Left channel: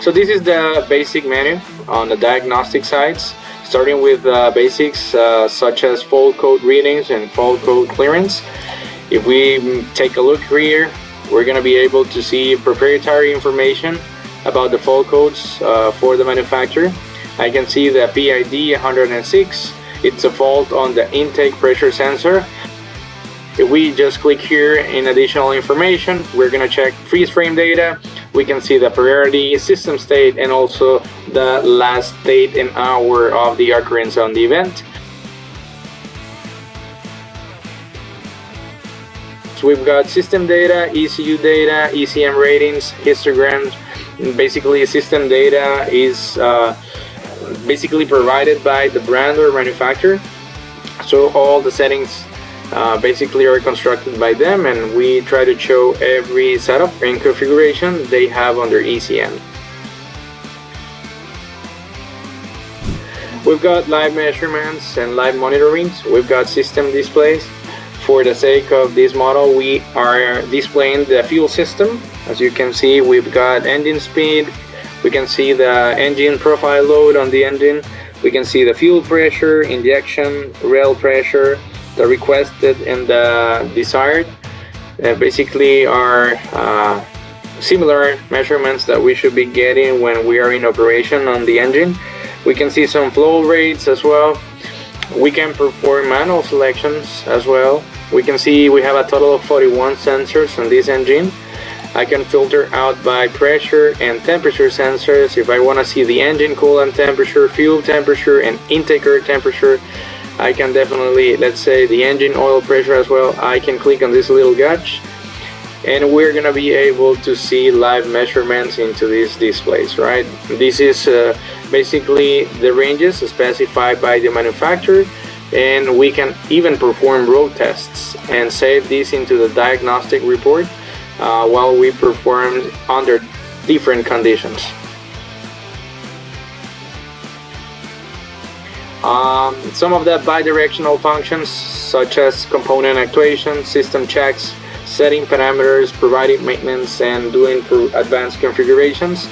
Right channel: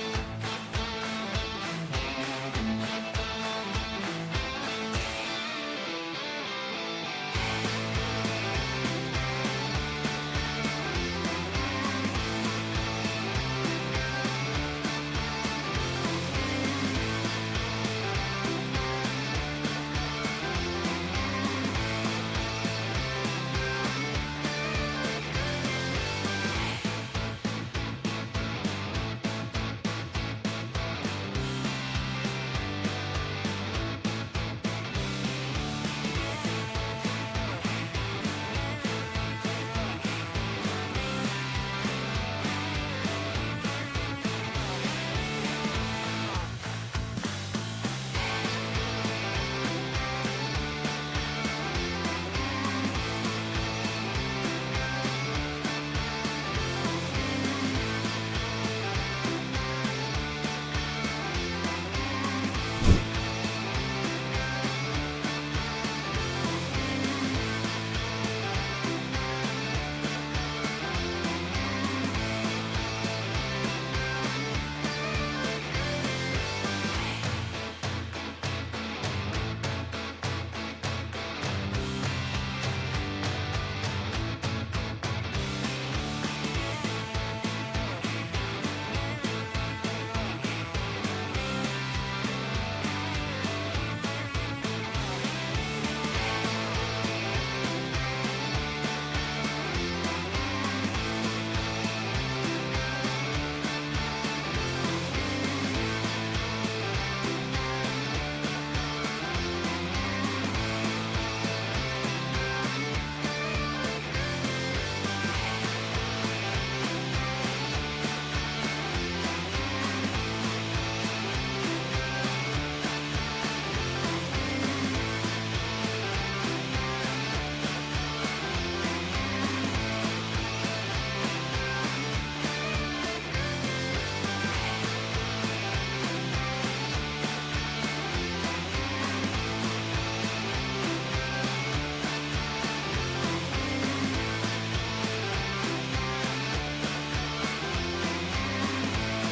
So this is the basic menu on the diagnostic sides, starting with basics such as fault code readings and fault code clearance. If we take a look here, we're going to be able to see proprietary information about the fault codes for the manufacturer. I can see the PID 106. It's a fault on the intake pressure sensor. If we just click here in additional information, we're going to check freeze frame data. We can see the priority, system state, and also the last date and hour of the occurrence on the event. So we've got system data, ECU data, ECM ratings, histograms. Basically, system data is basically provided by the brand or manufacturer. So all the settings basically are constructed by them, and we try to show every setup and configuration they have under ECM. We've got live measurements and live monitorings. We've got system displays. For the sake of this model, we are displaying the fuel system. As you can see, we've got engine speed. We can see the engine profile load on the engine. We can see the fuel pressure, injection, rail pressure, the requested and the desired. Basically are similar measurements that we should be getting when we are in operation on the engine. We can see some flow rates as well. We can perform manual selections as well. We can see we have a total of 41 sensors on this engine. I can filter out by pressure and temperature sensors. If I want to see the engine coolant temperature, fuel temperature, and intake air temperature, I can definitely, let's say, the engine oil pressure as well. I can click on this little gauge, and we're gonna be able to see live measurements into these displays, right? This is basically the ranges specified by the manufacturer, and we can even perform road tests and save this into the diagnostic report while we perform under different conditions. Some of the bidirectional functions such as component actuation, system checks, setting parameters, providing maintenance, and doing advanced configurations.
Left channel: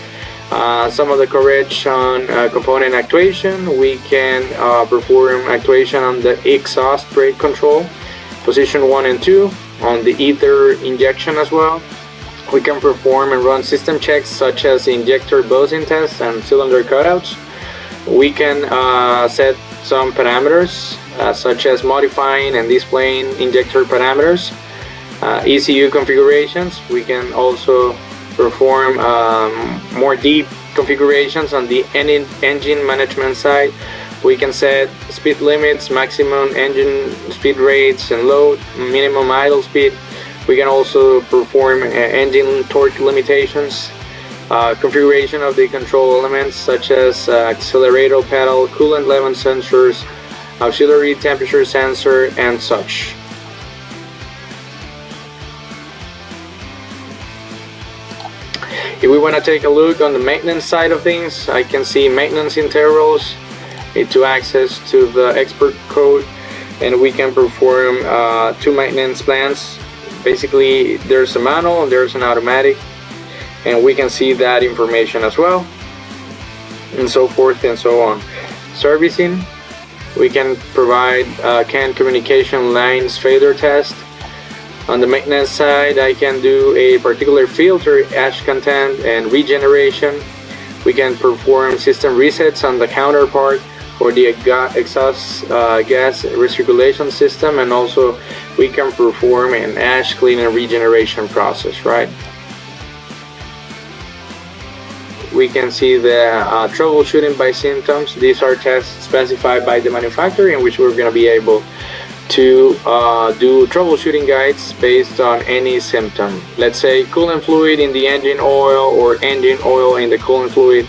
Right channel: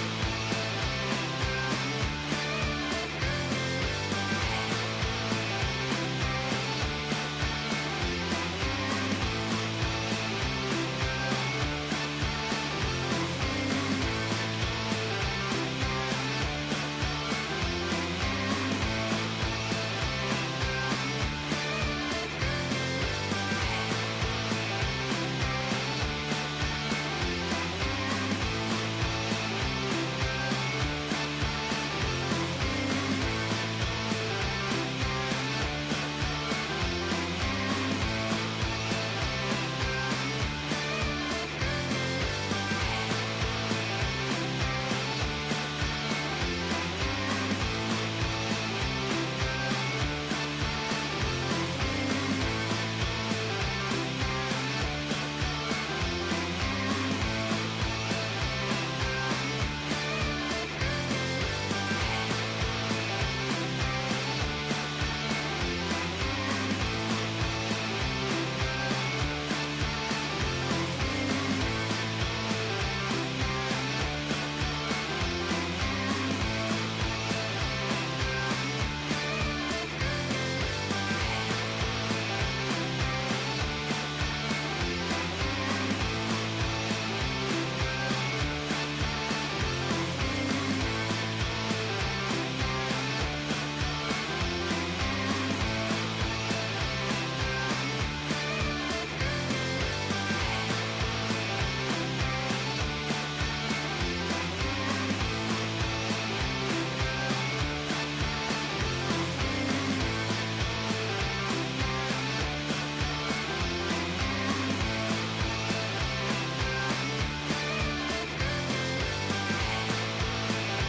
Some of the coverage on component actuation, we can perform actuation on the exhaust brake control, position 1 and 2, on the ether injection as well. We can perform and run system checks such as injector buzzing tests and cylinder cutouts. We can set some parameters such as modifying and displaying injector parameters, ECU configurations. We can also perform more deep configurations on the engine management side. We can set speed limits, maximum engine speed rates and load, minimum idle speed. We can also perform engine torque limitations, configuration of the control elements such as accelerator pedal, coolant level sensors, auxiliary temperature sensor, and such. If we want to take a look on the maintenance side of things, I can see maintenance intervals to access to the expert code, and we can perform 2 maintenance plans. Basically, there's a manual and there's an automatic, and we can see that information as well, and so forth and so on. Servicing, we can provide CAN communication lines failure test. On the maintenance side, I can do a particular filter ash content and regeneration. We can perform system resets on the counterpart for the exhaust gas recirculation system, and also we can perform an ash clean and regeneration process, right? We can see the troubleshooting by symptoms. These are tests specified by the manufacturer in which we're going to be able to do troubleshooting guides based on any symptom. Let's say coolant fluid in the engine oil or engine oil in the coolant fluid.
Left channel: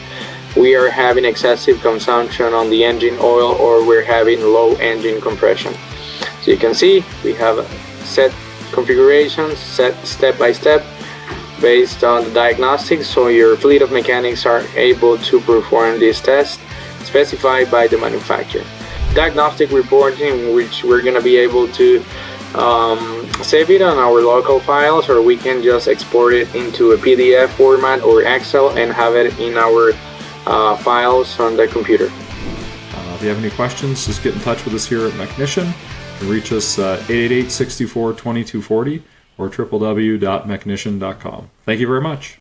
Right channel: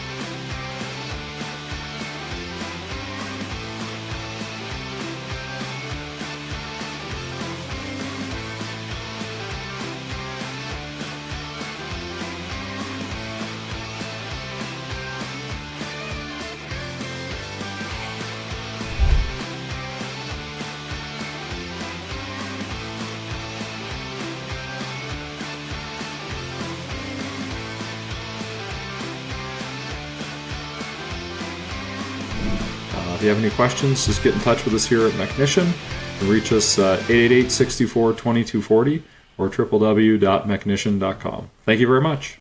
We are having excessive consumption on the engine oil, or we're having low engine compression. So you can see we have set configurations set step by step based on the diagnostics, so your fleet of mechanics are able to perform these tests specified by the manufacturer. Diagnostic reporting, which we're going to be able to save it on our local files, or we can just export it into a PDF format or Excel and have it in our files on the computer. If you have any questions, just get in touch with us here at Mechnician. You can reach us at 888-64-2240 or www.mechnician.com. Thank you very much.